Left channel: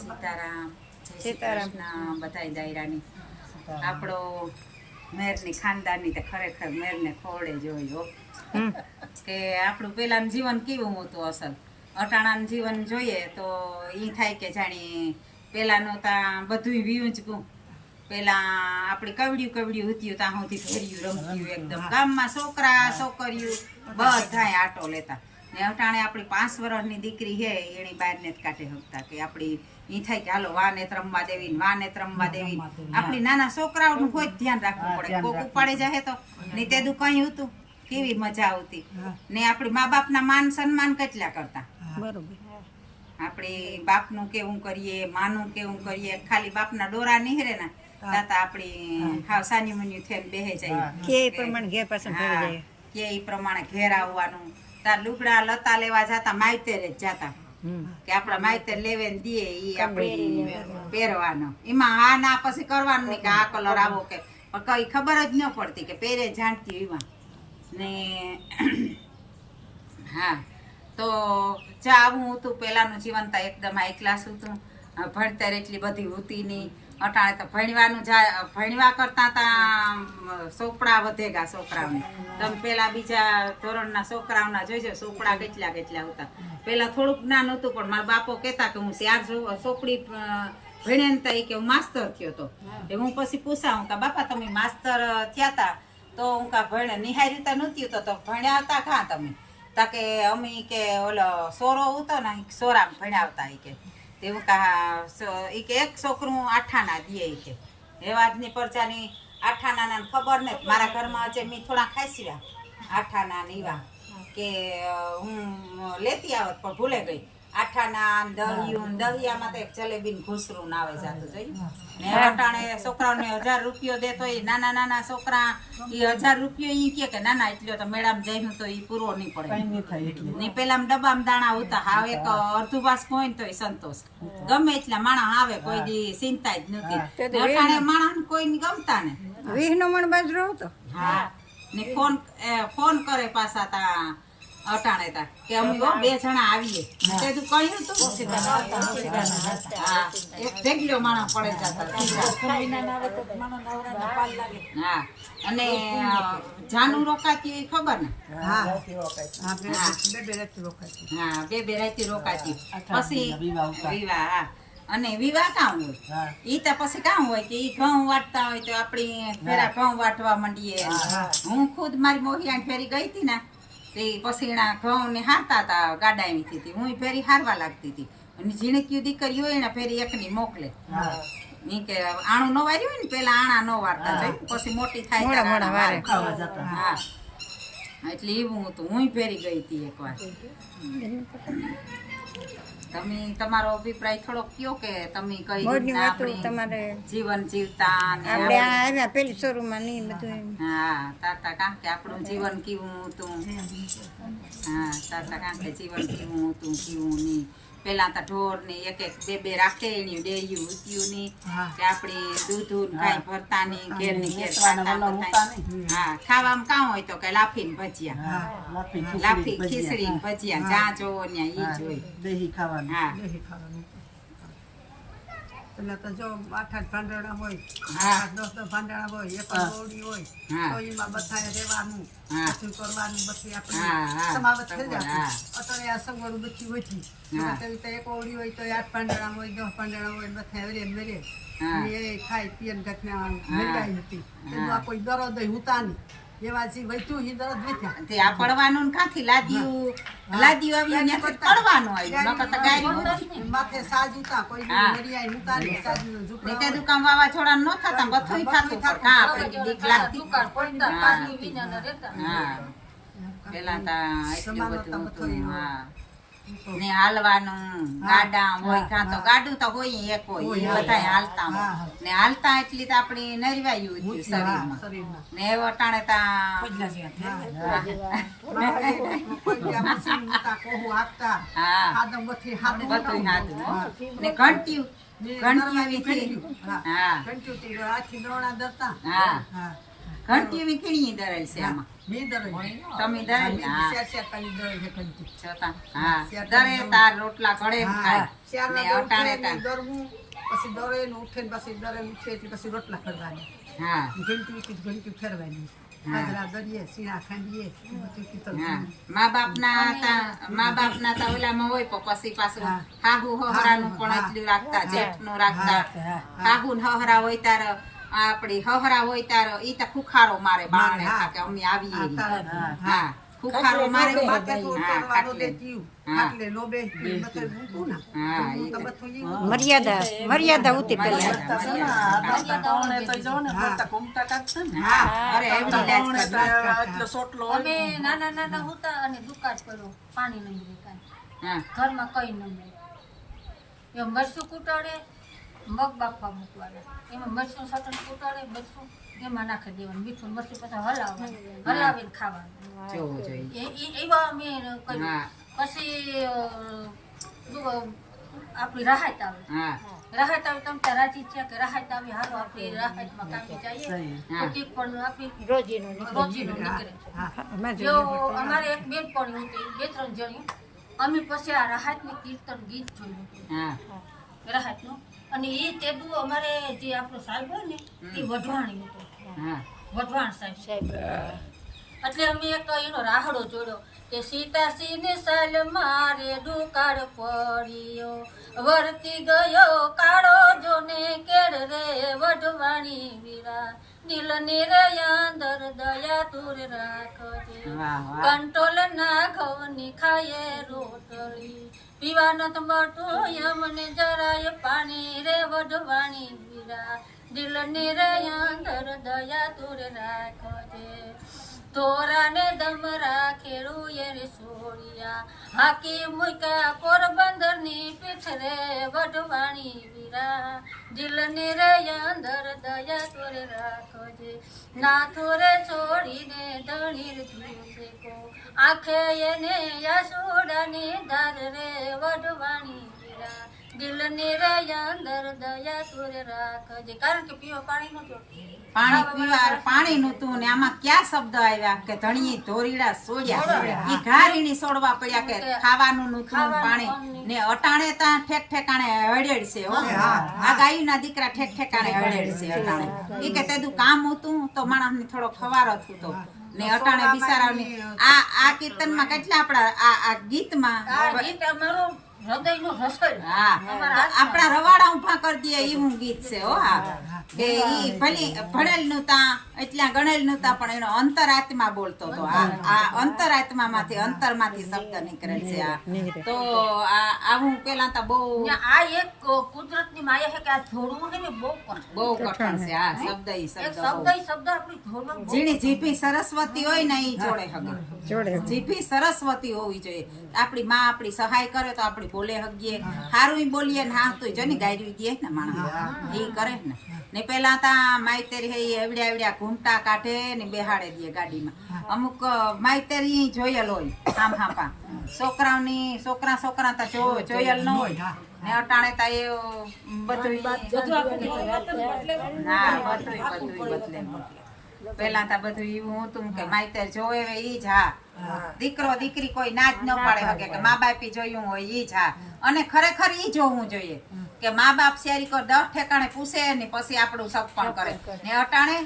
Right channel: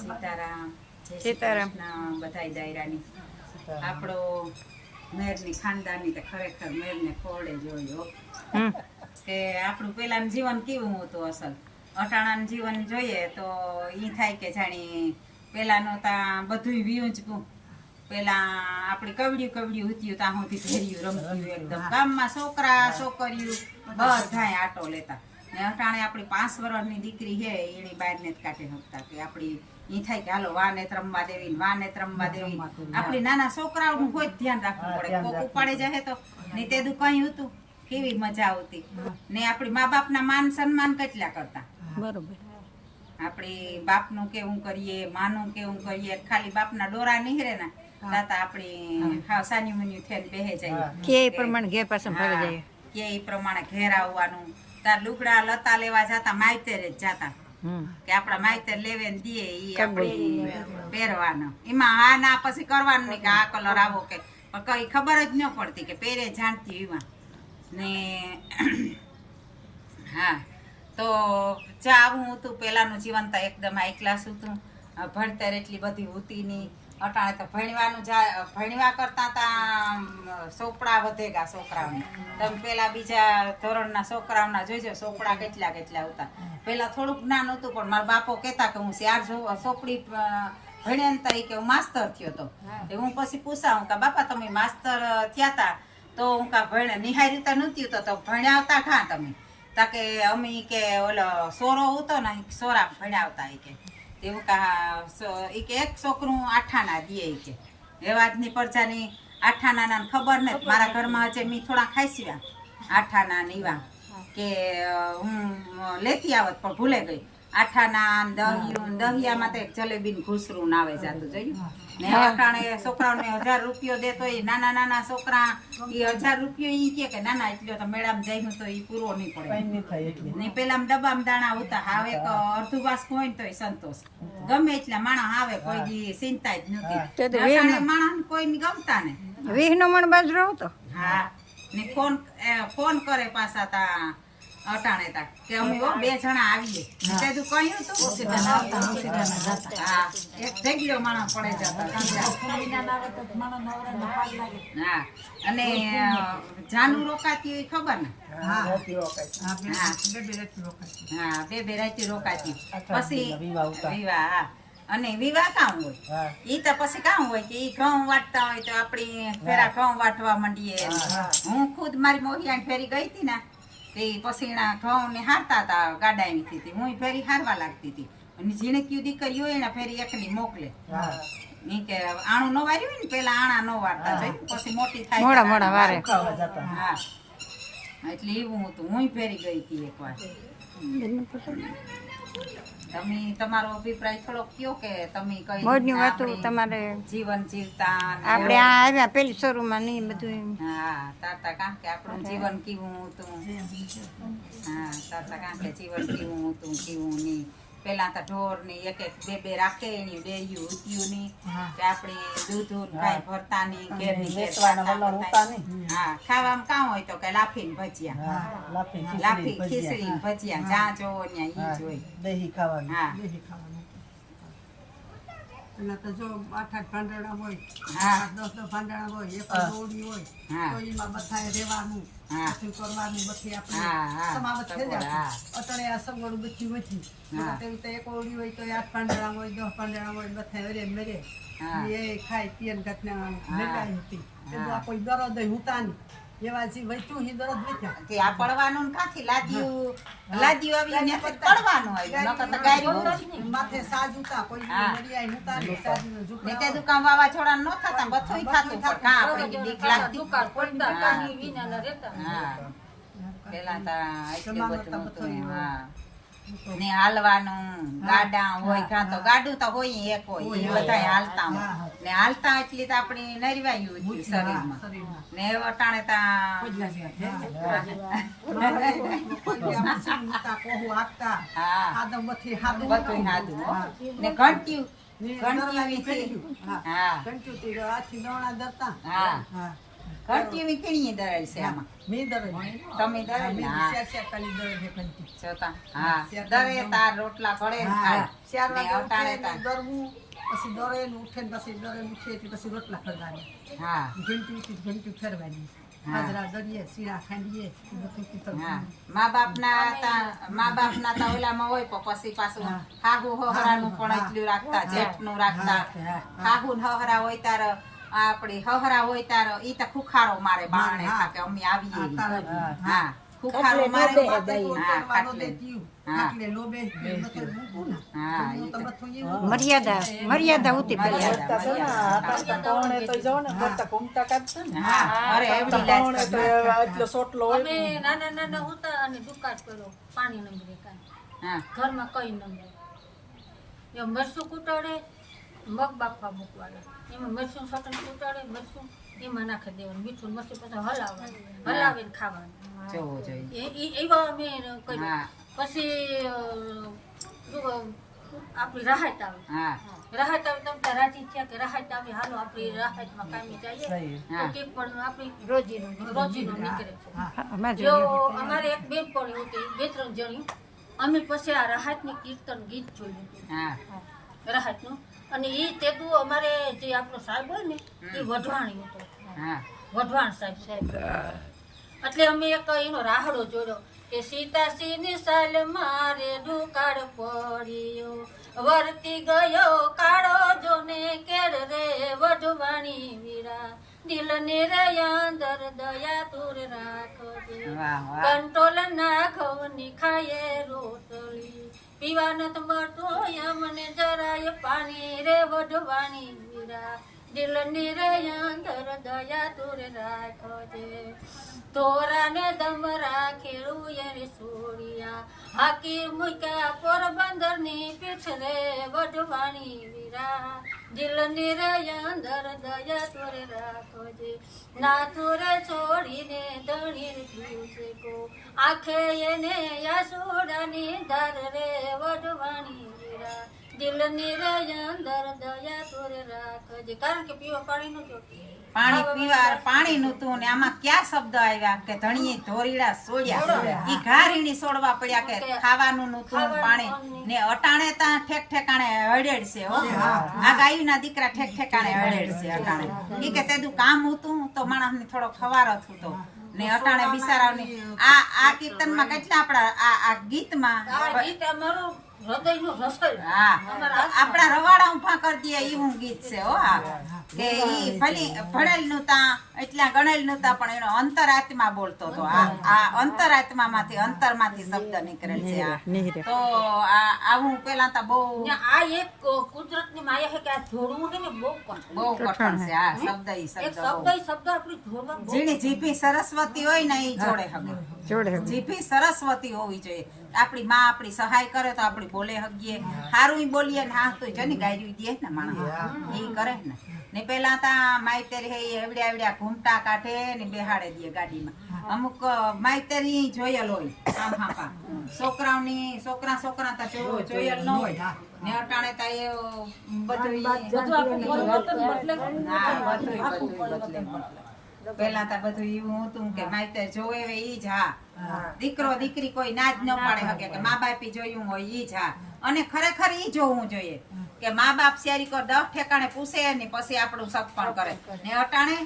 સીતારામ, જય શ્રી કૃષ્ણ બધાય દાયરાની. આપણો મેરની ખાનદાની તે ખરેખર મેરને ખોડે જોયો કે આપણું પેલાનું જીવન કેવું હતું અસલ. અટાણાનું જીવન જોઈએ તો એ થાય કે જાણી પેલાનો ત્યાં બધું વીયું જ ગયું. પેલા આપણે કવડ્યું હતું ત્યાં સુધી ભેર્યું રમતું એકદમ. ગામમાં છોકરા છોકરીઓ બધાય આટો લેતા. ને અટાણે આપણી 5 વર્ષની દીકરી છે એની બહારને જ કાઢે શકતા કે આપણી એ થાય કે હાલો વાનેત રમવા દેવી. આપણી નાના છોકરાઓનું કોઈ ધ્યાન રાખવું પડે. કોક ઉપાડે જાય તો નહીં તેદું કઈ હતું કેવી મજા આવતી. ને આપણી મા બાપના માન સન્માન કેટલા કરતા. બરોબર. આપણે બાપનું કેવું કરીએ, માનું કેવું કરીએ. ખાલી બાપના ડોરા નીહરે ને તાતા આપણી હાવ સાની મન્યું થઈને બેહે જાય કે એ પ્રમાણે ઘેર પાછળ ફરી જાય. કે એ પ્રમાણે ઘેર આવવાનું. તાર લુગડા લતા લેવા જતા માયતેરે જ જાતા કે આપડા માયતેર લેવે ને દે ઈ આપણે પહેરવાનો. એમાં હા ના પછી કરવાનું નહીં કે આ કલર આવો કે કઈ ખબર જ ન પડતી કે પહેરે જાણતી એમાં ને. હા તો આવું હતું પેલાનું જીવન. તો એકદમ હાઈ ક્લાસ હતું. ભણતર એટલી બધી હોતી નહીં. અટાણે તો ભણવા કરતા તા ચોપડા વધેગા છોકરાઓને. તમે પેલા બીજા ધોરણના છોકરાઓના જોઈજો ચોપડા કેટલા હતા. પેલા થોડુંક જ્ઞાન હતું પણ મારા બાપો કહેતા કે હું 4 ચોપડી ભણે ને તરીકે હું માસ્તર થયો હતો. હું પછી પૂછાવું કે બાપા તમે માસ્તર થયા તા તો હું કા ભણે નિહારી રીતે નહોતી તો ભણ્યા હતા કાં તમે? તા કે અમે કે ઓલો સોરો હતો ને સોરા ભણ્યા કે એવું કે એક છોકરું 8 આના દે કે એવાજની પરચાની 8 આના ખબર ને મારા ઘરમાં હજે મેં થોડા ખાઈસ્યા 8 આના નીવા કે હું લેતી આવત પણ ભૂલે ગઈ. 8 આના દહિયામાં તો એક જલેબી ને ઘૂસરું ના આવે જાતું જોયું ને. અટાણે છોકરાઓને 1000 રૂપિયો દેતો એ નાના છોકરા એ 1000 રૂપિયો ઈ કે નાના એટલો તો મેળામાં જઈને તો એ પૂરો નહીં પડે ને. પેલા ડબ્બામાં દાણા ઉતા હાવ એક અડધું બાસ કોઈ ને તો સંતોષ ગમે એટલા માણસ આવે કોઈ દી ચિંતા જ નથી. અટાણે માણસ કોઈ ગમતા ને 20 મણ બાજરો હતો. હા ને ફોન કરે પાછા તા અટાણે તા કે અમે 2 જણા આવીએ તેજું કહ્યું તું. હા એક ભેગલો માણસ પડે જતા. હા અને જાનું રોકાતી હોય ખબર ને. હા 2 રાતી રોકાતી પછી વિવાહ. હા અને વિવાહ કામ હોય ઈ તો પછી કામ હોય કે ઈ ઘઉં વાટતા હોય તો આપણી ફેરા ઘઉં વાટવા માંડીએ. હું ખુદ મારી મોહિયાને ફેરી ગઈ હતી ને તે પછી ઘઉં ને હારતા હતા ગાડા એવી હતી. હું ફેરી હારવા લાગતી હતી અને ઝીણકી દીકરી હોય ને ફેરી એકની મોકલે કે આણું ન વાર્યું હોય ને પેલા આણા ન વારતા જોયું પછી મોટી થાય. હા એટલે એવું હતું. હું ફેરી ગઈ હતી એકવાર. તમે તમારો અભિપ્રાય થોડોક કયો કે તમે કઈ તમારે જીવન જીવતા આપણે આ આવ્યા પેલી શરૂમાં નહીં બધું. હા તાતા કાં કે આપણું જીવન કેવું હતું. હા તાતા કાં કે જીવન કેવું હતું કેવું નહીં. પેલા તો ઢોર ને એક 2 રાખે એની ડેયું ઉત્યું નહીં કે આપણે દૂધ કાંઈ ભરતા નહીં ઘેરની ઘેર. હા ખાવામાં કાં હોય તો કે લાફીને ભજીયા, લાફી ખીચડી ને ભજીયા જ્યાં જોવો ને ઈ જ હોય. દહીં ખાવાનું. હા પેલા તો જો 8 ભાંડણા હોય, 10 ભાંડણા હોય, એક ગોળી હોય તો એમાં બધાએ રહેવાનું બધું કરવાનું. બધી આપણે સમાવત થઈ જાય. અટણે આ સગવડ બધી હોતી તો એક ઓળી હોય તો 8 ભાંડણા હોય, 10 ભાંડણા હોય બધા હરે મેરે એ ખાઈ પીએ ને ઘટના મેળાઈ હતી. આ કોઈ દરદ હુતા નહીં એવા જે વૈતું હી દરદ વેચ્યા તે આ પડવાનું કાથી લાદ્યું આવી ને પડવાનું આવ્યું નકર તો ગાડી માથે સાજ ઉતા કોઈ નરિયાઈ ઉતા ને સાજ ઝુપડા તે દુકાન વાવા છોડા ન થતા બધુંય થાતું કા આપણે દીક લાગતી કોણ પાણી વિના ન રહેતા. હા પેલા તા એટલું બધું હતું. હા ને હાલવાનું ગાડા હોય કાં તો ગાડું તો હોય એક હોય એ બધા હાલતા હોય ને હાલતા એટલી તો આપણી નરવાયું હતું શરીરમાં ને વટાણે તા ને ઘંટી ઘંટી વીકણી દરેલ છે આમાં મી દરે તમે દરેલ ને? હા. શેર પાણી દરે છે કંટી જોતા. હા દરે તાર રોટલા ઘડે ને ખાય. ચાર ને વાગે અટાણે ઉઠે ને તાર. દરવું પછી દરે ને ઉઠે ને પછી દરે ને ઉઠે એટલે પછી રોટલા કરવાની હા ઘંટી ઉઠી ઘંટી ફેરવાની હાજરા દરીએ સીણા ખાંડીએ એ બધું કીધું હા મા બાપના તા ઓલામાં હોય પણ પછી પાછું હા. હાહુ હહરાનું પણ એટલું રાખતા જેઠનું રાખતા હાહુ ને હહરા હોય તાર આપડી હહરા હોય તાર ઈ તો ખુખારો મારે બારણે હા. થાકે અમે આવીએ ઈ. હા. હા ખુખારો મારે માથે તો હા, વાળો ખાટલે. બેઠી હા. ખાટલે નો બેઠી મથે ઊભું ના હા, હું ઈ તો તો. બધું એવું મર્યાદા ઉતી પેલા હા અરે એવડી લાજ કરતા. અમે નાના નાના હતા અને દુકાળ પડ્યો પાણી ન મળે કાંઈ હા ઘરમાં કઈ ન મળે એ મરચું કૂટાડે મગ બાફવા મૂકવાના એમાં મરચું સટન કૂટાડે મરચું એમાં નાખી દેવાનું મીઠું મરચું પછી હલાવીને ખાવાનું જોવું જોઈએ એવા અમે કર્યું હા. પછી આપણી રાહત આવે હા રાહત આવે તમે ત્યાં રાજી થયા કે રાહત આવી હાલો આપણી રાહતમાં કામી જઈએ હા. તો કંઈક પણ આપણી રોજીનું રોજીનું નીકળે અમારે જો અમારે એક બેન પડી હતી 2-3 જણી અમે પછી આ રાહતની કીર્તન ગીત જોયું હતું હા રાહતનું અને એ તેદું અમારે જે આપણો સાહેબ હોય ને એ વઢવાણી હતો હા વઢવાણ સાહેબ એટલે અમે એક એનો રાહડો જોડ્યો કે સીતાસીને સાલ મારે દુકાળ પડ્યો વર્તી ગયો કાળો જોને કેર રે વઢવાણી વીરા દિલને રે અંદર દયા તુર રાખજે વાહ વાહ કંટોલ ના ઘઉંની ખાયે રોટલી પીવા નત મળતું યમને જરાય પાણી રે વઢવાણી વીરા દિલને રે અંદર દયા તુર રાખજે તોરાને દમ રાખેલું રે સોડિયા હાકી મુકા પોરબંદર ની પીઠ રે વઢવાણી વીરા દિલને રે અંદર દયા તોરે રાખજે ના તોરે છોડીને ધણીર જુસે કો આંખે એને યસોડાની ધાર રે વઢવાણી વીરા દિલને રે અંદર દયા તોરે રાખજે કારણ કે પીવા પાણી નો જોતું પાણી નું તું ને આમાં ક્યાં શબ્દ આવ્યા કે ધણીએ ધોરીડા સોડ્યા ઈ ઘારીણી સોડવા પડ્યા કે ખાવાનું નું તું પાણી ને અટાણે તા ઠેક ઠેકાણે હળેડ છે હો આ ગાયુના દીકરા ઠેક ઠેકાણે હળેડ છે અટાણે ઈ કે તેદું કામ હતું તો માણસ ને થોડો ખવારો થતો ને અટાણે બિચારાની આ કીર્તનમાં કેટલા આપણા આ ગીતમાં આ ગીત અમારું હૃદયનું રસોઈ હા આપણા રવાડા ઉભા કરી દે એવું ગીત છે હો આ કે ઈ ભણેલ નતા એટલા ગણેલ નતા પણ એનો અંતરાત્મા બોલતો હતો આ અંતરાત્મામાંથી અંતરમાંથી શબ્દ નીકળેલ છે આ તો આવું પેલા તો બહુ આ એક કુદરતની માયા છે કે આ જોડવું છે ને બહુ કઠણ છે આ શબ્દ ઈ એક શબ્દ શબ્દ આપણી જોડવા જીણી જીભી સરસ્વતી હોય ને ઈ જોડે હગે જોડે જીભી સરસ્વતી હોવી જોઈએ આપણી માં આપણી સહાય કરે તો આપણી બોલે હગીએ હારું બોલીએ ને હા તો જની ગાયરી દે ને માણસ ઈ કરે ને પેલા તા માઈતેર હે એવડ્યા એવડ્યા ઘૂમટા કાઢે ને બેહાડે દે ગાડીમાં અમુક માઈતેર ઈ જોયેલ હોય આમ હાપા છોકરા તા જોયેલ ન હોય ને અટાણે તા એ બધું પેલા તા બધું એવું હતું કે માઈતેર જોવે ઈ જ હા દીકરો દીકરી કોઈ ના જ ન પાડે હકે કે મા બાપી જોયું હોય ઈ જ હા અને ખરેખર ઈ જોવું જોઈએ કે મા બાપ શેરી કર 10 ઠેકાણે પૂછે ને પછી આપણું સગપણ કરે ને અટાણે